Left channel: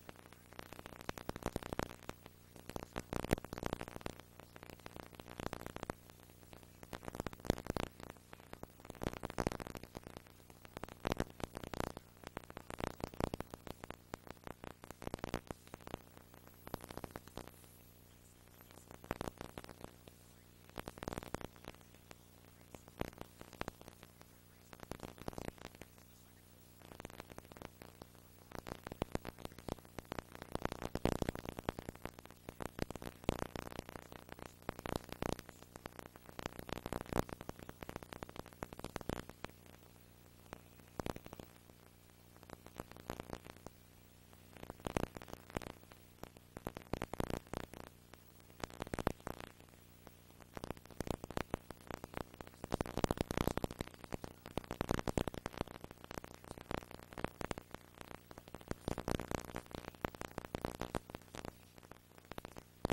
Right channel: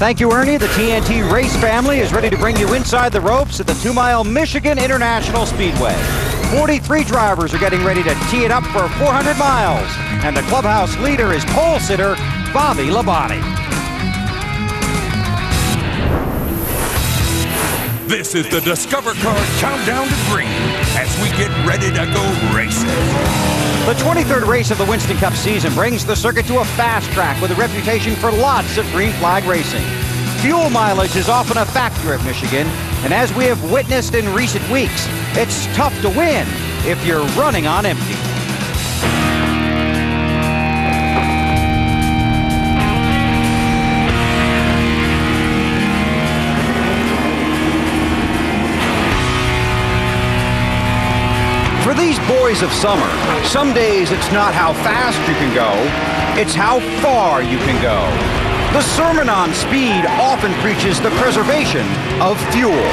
Thank you, Ernie. The TNT race family is ready to bring you inside the ropes at the 2-mile Michigan International Speedway. 43 drivers are getting ready to tee it up for 400 miles. And the clubhouse leader is pole sitter Bobby Labonte. This is the Discover Card Countdown to Green as we get ready to go racing. The 23rd race of the Winston Cup season brings the circuit to a fast track with a reputation for lots of green flag racing. Fuel mileage is often a factor at Michigan, and as we have witnessed in recent weeks, it's tough to win if you're running on empty. For these boys of summer, some days it's not how fast you can go, it's how far you can go. The sermon on speed often preaches the preservation of fuel.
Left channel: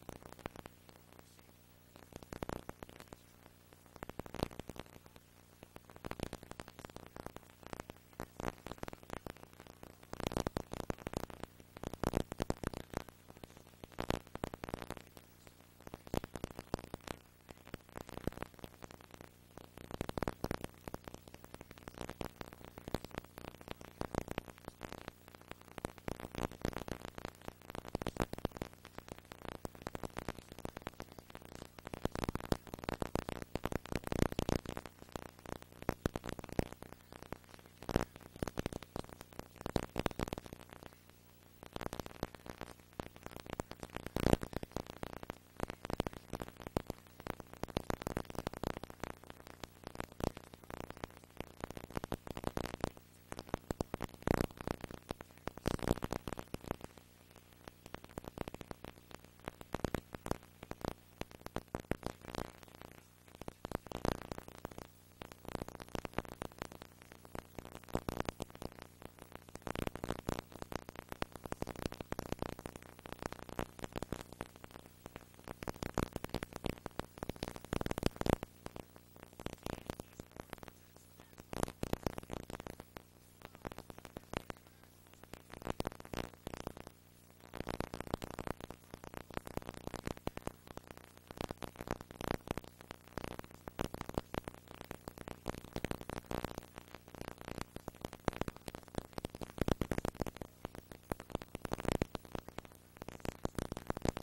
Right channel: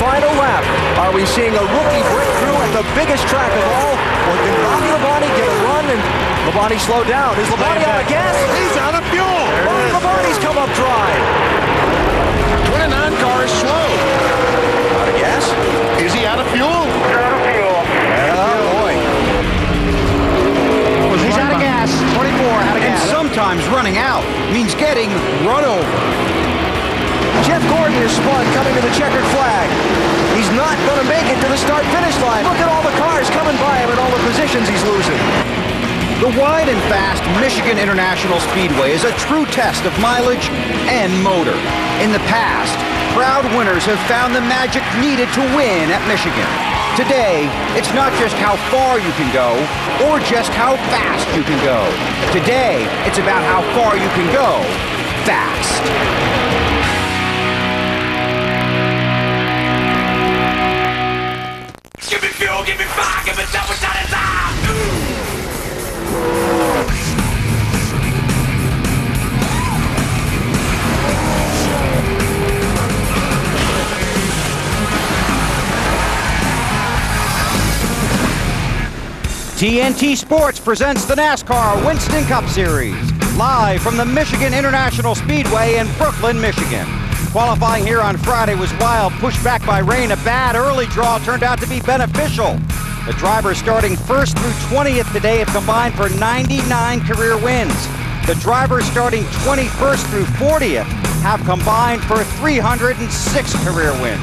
Final lap. Are we seeing a rookie breakthrough at the biggest track of all? Or can Bobby Labonte get a run and Labonte slow down? Is Labonte out of gas? He's out of fuel. Bobby Labonte's come up dry. 29 car is slow. Out of gas? Is he out of fuel? He's out of gas. 24 out of gas. And sometimes running out means getting run over. Jeff Gordon is spun coming to the checkered flag. He's not going to make it to the start-finish line. Look at all the cars coming by him and all the positions he's losing. The wide and fast Michigan International Speedway is a true test of mileage and motor. In the past, proud winners have found the magic needed to win at Michigan. Today, it's not just how far you can go or just how fast you can go. Today, it's about how far you can go fast. Give me fuel, give me fire, give me double shot of time. TNT Sports presents the NASCAR Winston Cup Series, live from the Michigan International Speedway in Brooklyn, Michigan. Qualifying here on Friday was wild, pushed back by rain. A bad early draw turned out to be beneficial. The drivers starting 1st through 20th today have combined for 99 career wins. The drivers starting 21st through 40th have combined for 306 career wins.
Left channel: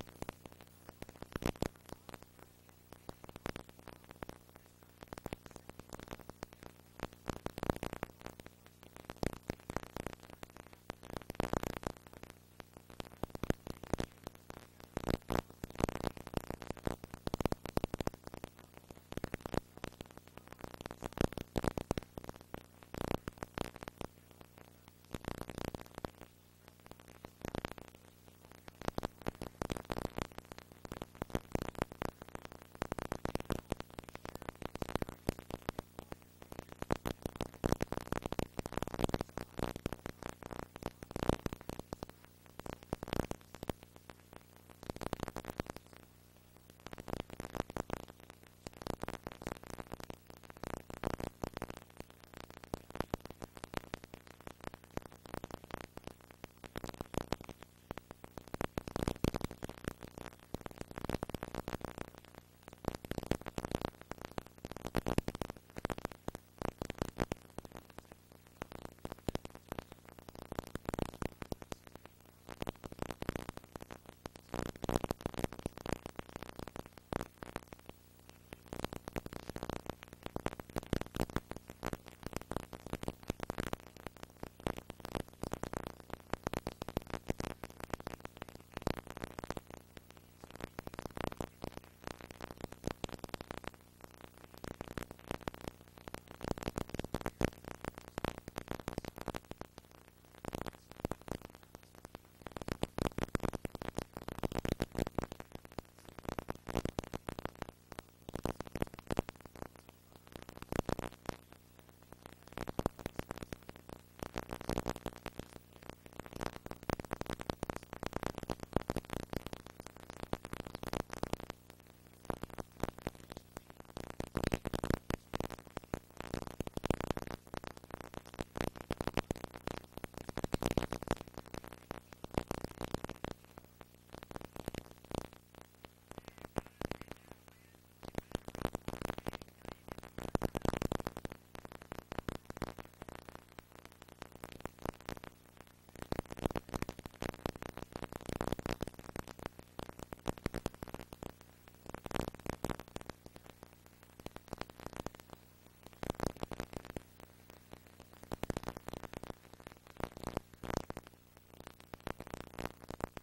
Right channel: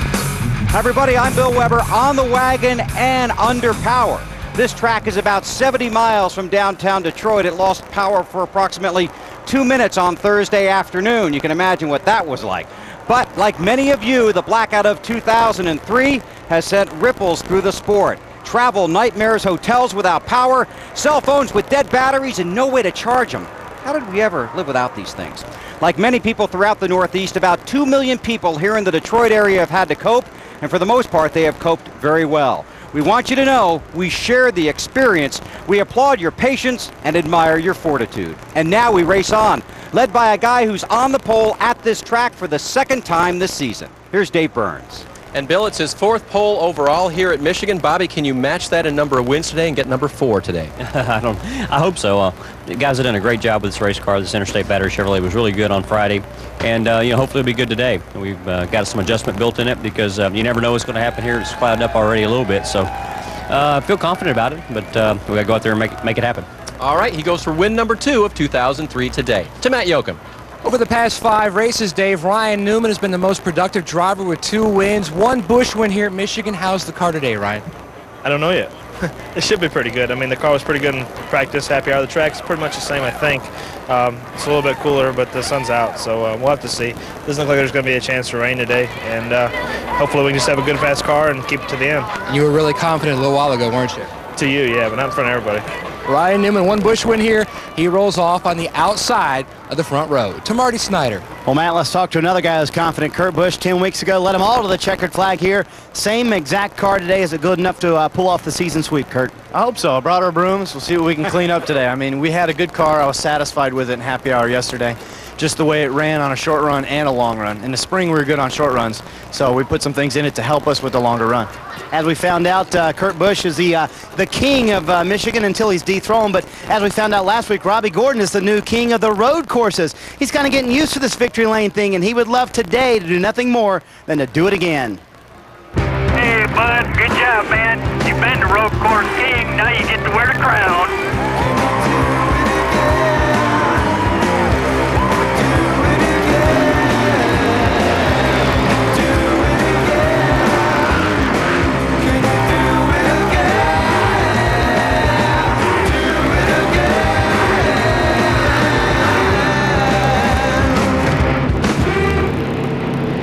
Hi everybody, I'm Bill Weber, on the wagon and under power. This track is about 70 miles from downtown Detroit. It lost power for approximately 2 minutes on Thursday afternoon. You can imagine what that was like. But like many of you, the blackout of 2003 has sent ripples through the sport. Travel nightmares, hotels without power, cell phones with dead batteries and no way to charge them. How did we ever live without these things? Like many people throughout the Northeast, about 2 million people here in the Detroit area have had to cope, and for the most part, they have coped very well. We want you to know we share the experience. We applaud your patience and admire your fortitude. And now we race on, led by a guy who's on the pole at this track for the 2nd time this season. Here's Dave Burns. And Bill, it's his 4th pole overall here at Michigan. Bobby, can you match that in number of wins today and get number 4 today? I hope so. The guys have done a great job with this race car. This Interstate Battery Chevrolet was really good on Friday, and hopefully it'll be good today. We've got some adjustment built in it because you never know what's going to happen here. It's clouded up already a little bit, so I feel confident about it, but we got to go out there and make it happen. All right, he goes for win number 2 of 2003 today. To Matt Yoakum. Over the past 5 races, Dave, Ryan Newman has been the most productive driver with 2 wins, 1 Busch win here at Michigan. How's the car today, Ryan? I don't know yet. It should be pretty good. I mean, the car was pretty good in practice. Happy hour. The track's pretty much the same, I think. It's a little bit cooler, but the sun's out, so we'll have to see. Doesn't look like there's going to be a chance for rain today, and hopefully we can just have a good, fast car and keep it to the end. You were really confident a little while ago, weren't you? To you, yeah, but not in front of everybody. Ryan Newman, 1 Busch win here. He rolls off on the outside of the front row. To Marty Snyder. Well, Matt, let's talk to another guy who's confident. Kurt Busch, 10 weeks ago, led them all to the checkered flag here. Same exact car today. Is it good enough to pull off the season sweep, Kurt? I hope so. I brought our brooms. We'll see what we can clean up today. I mean, we had a good car. I was satisfied with it in happy hour yesterday. just the way it ran on a short run and a long run. In the spring, we were good on short runs, so we put some things in it to help us with the longer run. As we found out, Kurt Busch is the king of Michigan until he's dethroned, but as we found out last week, Robbie Gordon is the new king of the road courses. He's kind of getting used to this victory lane thing, and he would love today to do nothing more than to do it again. Hey, bud, good job, man. You've been the road course king, now you get to wear the crown.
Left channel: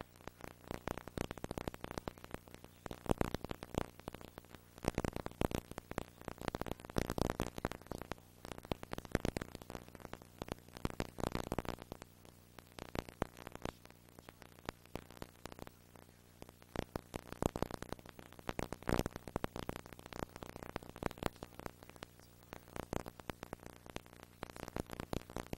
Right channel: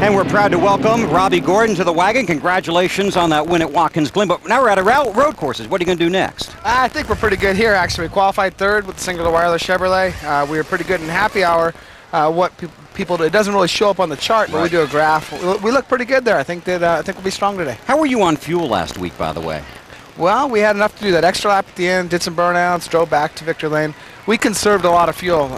And we're proud to welcome Robbie Gordon to the wagon. Congratulations on that win at Watkins Glen. But now we're at road courses. What are you going to do next? I think we're pretty good here, actually. We qualified third with the single wireless Chevrolet. We were pretty good in happy hour. It doesn't really show up on the chart, but we do a graph. We look pretty good there. I think we'll be strong today. How were you on fuel last week, by the way? Well, we had enough to do that extra lap at the end, did some burnouts, drove back to victory lane. We conserved a lot of fuel.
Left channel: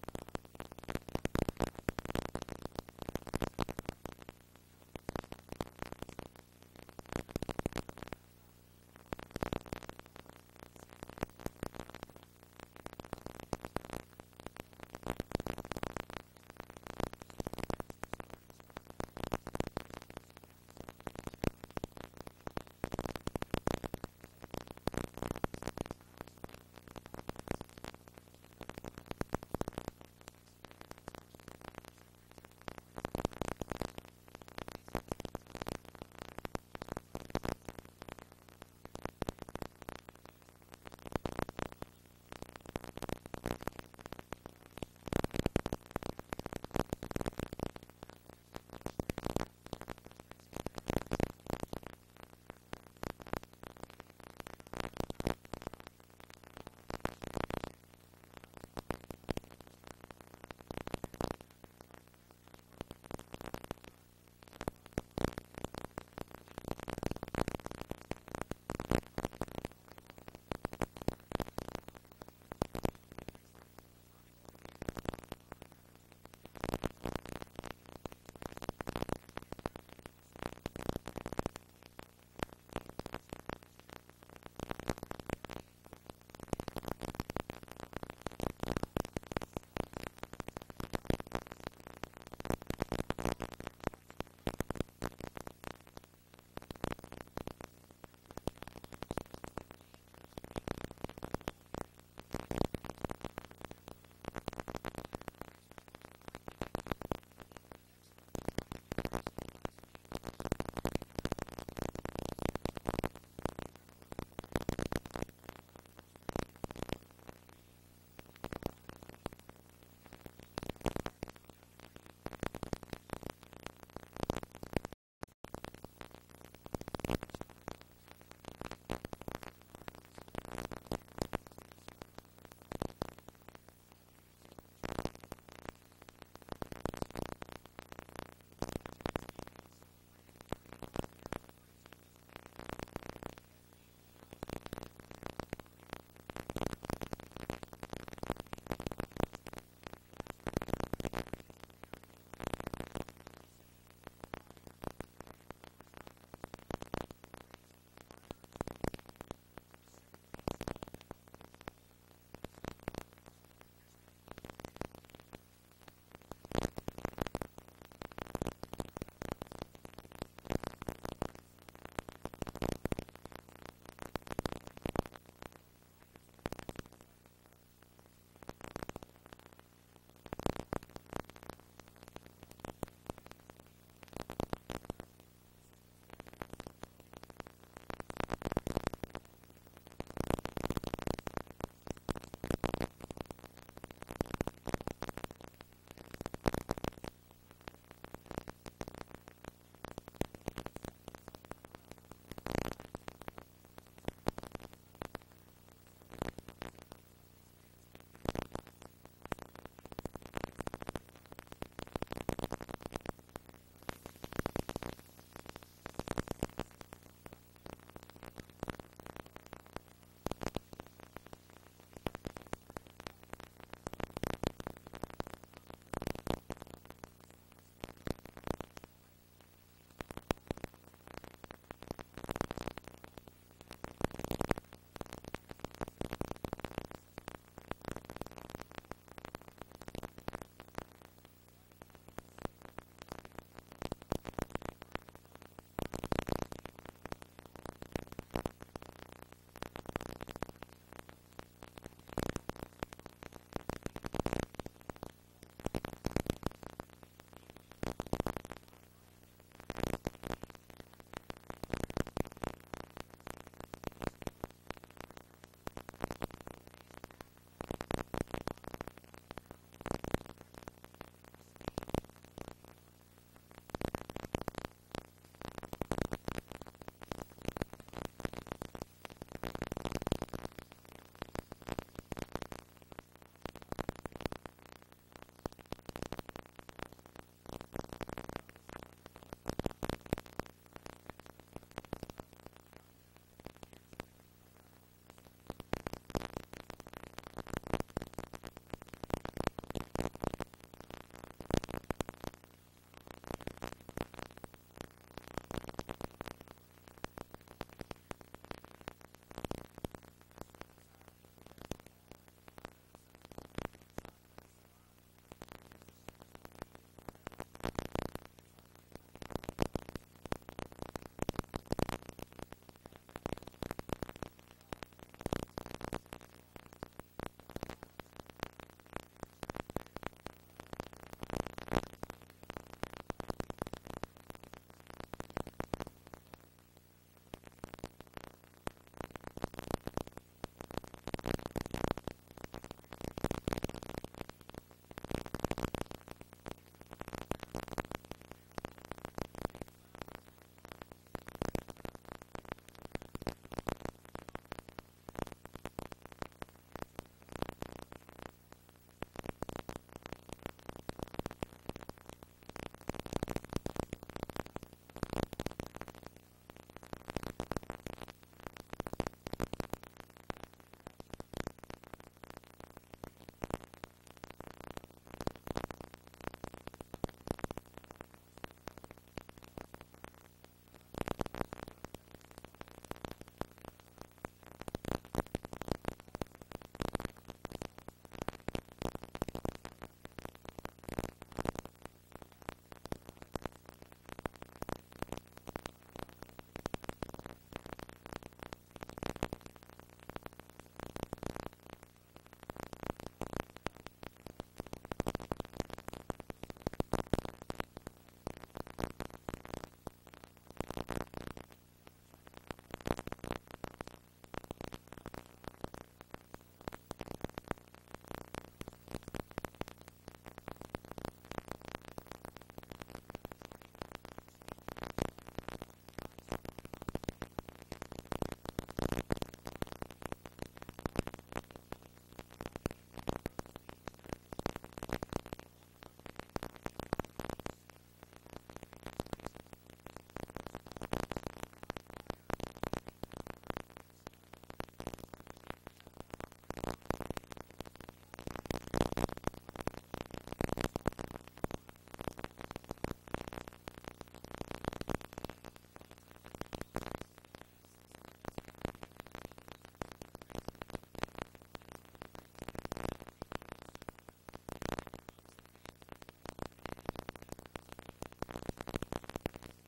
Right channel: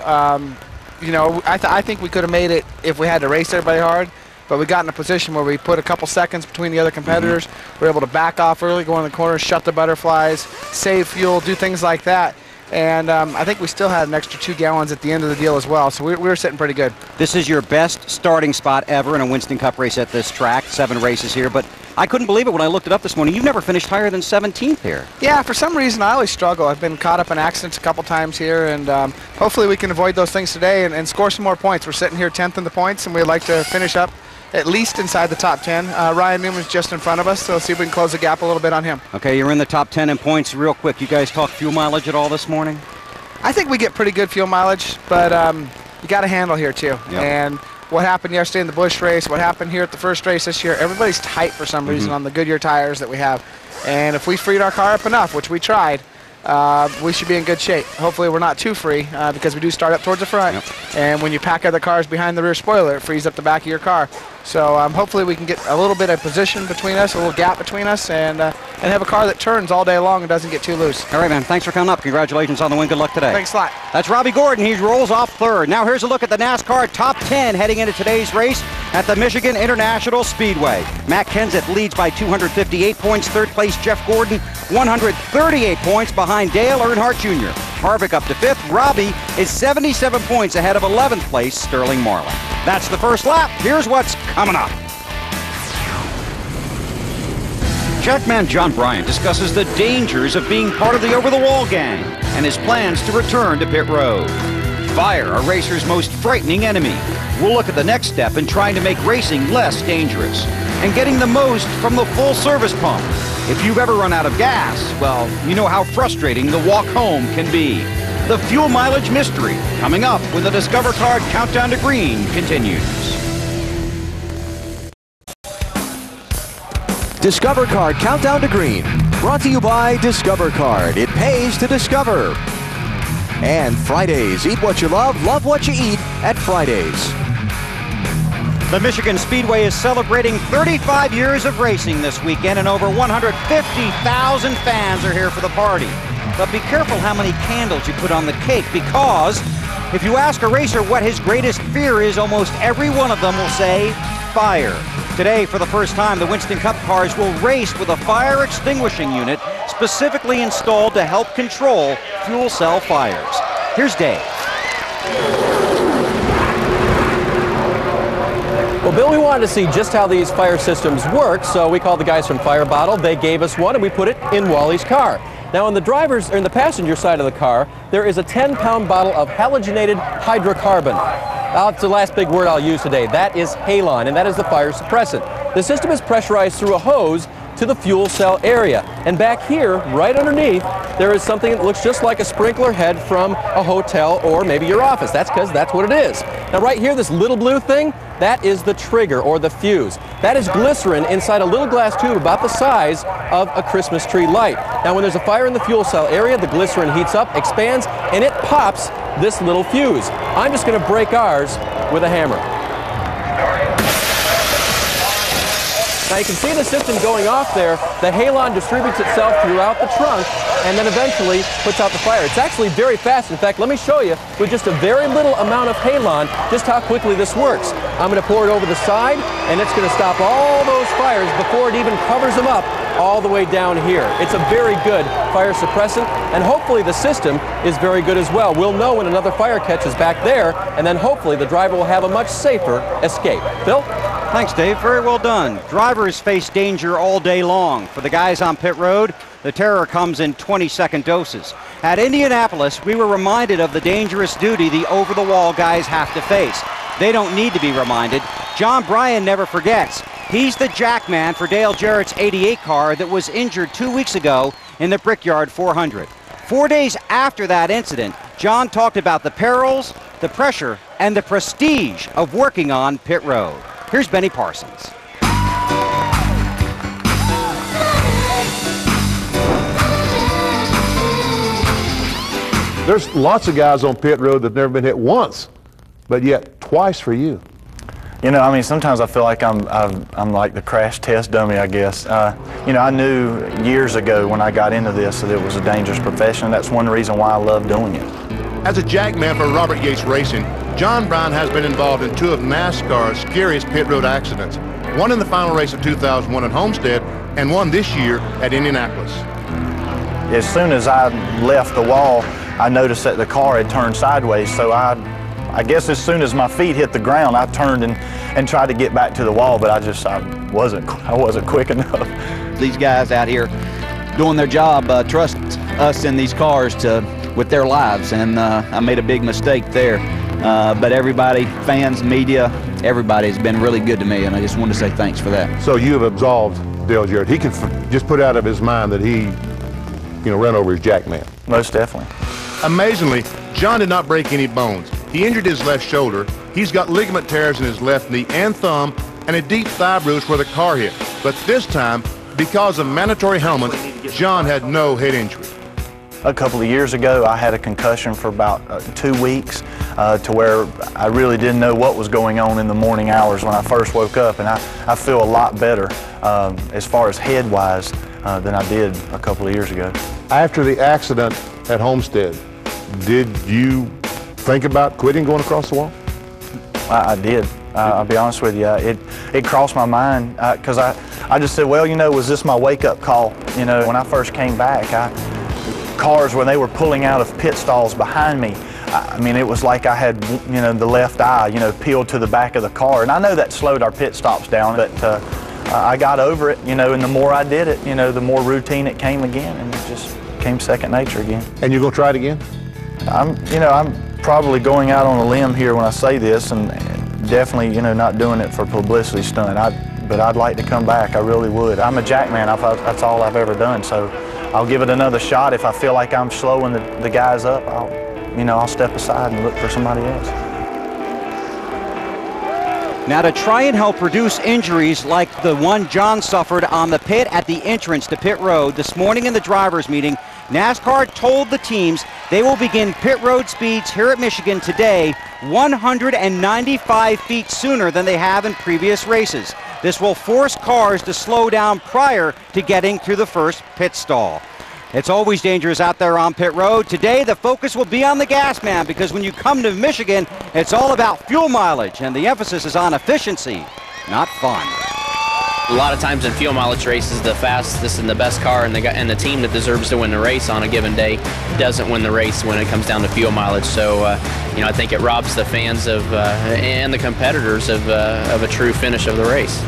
You know, I think we could have made it if we had to race everybody hard. But we got in a position where we put a couple seconds between the other competitors. We were able to back off early, go in the corner, shut the butterflies, save fuel, do things like that. And I think we still had an extra 2 gallons at the end of the deal as well. So we were sitting pretty good. This is your best starting spot ever in a Winston Cup race at this track. 7 races here. But I couldn't believe it when I looked it up this morning. You've never finished higher than 17th here. Yeah, for some reason I always struggle. I've been caught up in accidents a couple times here, and hopefully we can avoid those things today and score some more points. We're sitting here 10th in the points, and we'd like to finish up at least inside the top 10. Ryan Newman's just in front of us, so let's see if we can close the gap a little bit on him. Okay, you're in the top 10 in points. Real quick, you guys talk fuel mileage at all this morning? I think we get pretty good fuel mileage, but you got a handle here too. Yep. And what happened yesterday in the Busch race, what happened here at the first race this year, everybody's tight for some reason on the Goodyear tires that we have. And if we freed our car up enough, which we tried, we should be in good shape. Hopefully we're not too free because we do start up towards the front. Yep. And when you pack other cars behind the rear spoiler, it frees up the back of your car. So hopefully we can get a little bit of position between us, a little gap between us, and have a car that turns all day long and doesn't get too loose. All right, man. Thanks for coming up. Congratulations on the win. Good luck today. Thanks a lot. That's Robbie Gordon. He rolls off third. Now here's a look at the NASCAR top 10 heading into today's race at the Michigan International Speedway. Matt Kenseth leads by 258 points. Third place, Jeff Gordon, 138 points behind Dale Earnhardt Jr. Harvick up to fifth. Robbie is 77 points ahead of 11th place, Sterling Marlin. That's the first lap. Here's what's coming up. Trackman John Bryant discusses the dangers of being part of the over-the-wall gang and his plans to return to pit road. Fire, a racer's most frightening enemy. We'll look at the next step in trying to make racing less dangerous and getting the most from the full-service pump. If you've ever run out of gas, well, you know how frustrating the walk home can be. The fuel mileage mystery, coming up when the Discover Card Countdown to Green continues. Discover Card Countdown to Green, brought to you by Discover Card. It pays to discover. And Fridays, eat what you love what you eat at Fridays. The Michigan Speedway is celebrating 35 years of racing this weekend, and over 150,000 fans are here for the party. But be careful how many candles you put on the cake, because if you ask a racer what his greatest fear is, almost every one of them will say fire. Today, for the first time, the Winston Cup cars will race with a fire extinguishing unit specifically installed to help control fuel cell fires. Here's Dave. Well, Bill, we wanted to see just how these fire systems work, so we called the guys from Fire Bottle. They gave us one, and we put it in Wally's car. Now, in the passenger side of the car, there is a 10-pound bottle of halogenated hydrocarbon. That's the last big word I'll use today. That is halon, and that is the fire suppressant. The system is pressurized through a hose to the fuel cell area. And back here, right underneath, there is something that looks just like a sprinkler head from a hotel or maybe your office. That's because that's what it is. Now, right here, this little blue thing, that is the trigger or the fuse. That is glycerin inside a little glass tube about the size of a Christmas tree light. Now, when there's a fire in the fuel cell area, the glycerin heats up, expands, and it pops this little fuse. I'm just going to break ours with a hammer. Now you can see the system going off there. The halon distributes itself throughout the trunk and then eventually puts out the fire. It's actually very fast. In fact, let me show you with just a very little amount of halon just how quickly this works. I'm going to pour it over the side, and it's going to stop all those fires before it even covers them up all the way down here. It's a very good fire suppressant, and hopefully the system is very good as well. We'll know when another fire catches back there, and then hopefully the driver will have a much safer escape. Phil? Thanks, Dave. Very well done. Drivers face danger all day long. For the guys on pit road, the terror comes in 20-second doses. At Indianapolis, we were reminded of the dangerous duty the over-the-wall guys have to face. They don't need to be reminded. John Bryan never forgets. He's the jackman for Dale Jarrett's 88 car that was injured 2 weeks ago in the Brickyard 400. 4 days after that incident, John talked about the perils, the pressure, and the prestige of working on pit road. Here's Benny Parsons. There's lots of guys on pit road that've never been hit once, but yet twice for you. You know, I mean, sometimes I feel like I'm like the crash test dummy, I guess. You know, I knew years ago when I got into this that it was a dangerous profession. That's one reason why I love doing it. As a jackman for Robert Yates Racing, John Bryan has been involved in 2 of NASCAR's scariest pit road accidents. One in the final race of 2001 at Homestead, and one this year at Indianapolis. As soon as I left the wall, I noticed that the car had turned sideways, so I guess as soon as my feet hit the ground, I turned and tried to get back to the wall, but I wasn't quick enough. These guys out here doing their job trust us in these cars with their lives, and I made a big mistake there. But everybody, fans, media, everybody has been really good to me, and I just wanted to say thanks for that. So you have absolved Dale Jarrett. He can just put out of his mind that he, ran over his jackman. Most definitely. Amazingly, John did not break any bones. He injured his left shoulder. He's got ligament tears in his left knee and thumb, and a deep thigh bruise where the car hit. But this time, because of mandatory helmets, John had no head injury. A couple of years ago, I had a concussion for about 2 weeks to where I really didn't know what was going on in the morning hours when I first woke up, and I feel a lot better as far as head-wise than I did a couple of years ago. After the accident at Homestead, did you think about quitting going across the wall? I did. I'll be honest with you. It crossed my mind because I just said, well, was this my wake-up call? When I first came back, cars, when they were pulling out of pit stalls behind me, I mean, it was like I had, the left eye, peeled to the back of the car. And I know that slowed our pit stops down, but I got over it, and the more I did it, the more routine it came again, and it just came second nature again. And you're going to try it again? I'm probably going out on a limb here when I say this, and definitely, not doing it for publicity stunt. But I'd like to come back. I really would. I'm a jackman. That's all I've ever done. So I'll give it another shot. If I feel like I'm slowing the guys up, I'll step aside and look for somebody else. Now, to try and help reduce injuries like the one John suffered on the pit at the entrance to pit road this morning in the drivers' meeting, NASCAR told the teams they will begin pit road speeds here at Michigan today 195 feet sooner than they have in previous races. This will force cars to slow down prior to getting through the first pit stall. It's always dangerous out there on pit road. Today, the focus will be on the gas man, because when you come to Michigan, it's all about fuel mileage, and the emphasis is on efficiency, not fun. A lot of times in fuel mileage races, the fastest and the best car and the team that deserves to win the race on a given day doesn't win the race when it comes down to fuel mileage. So, I think it robs the fans of and the competitors of a true finish of the race.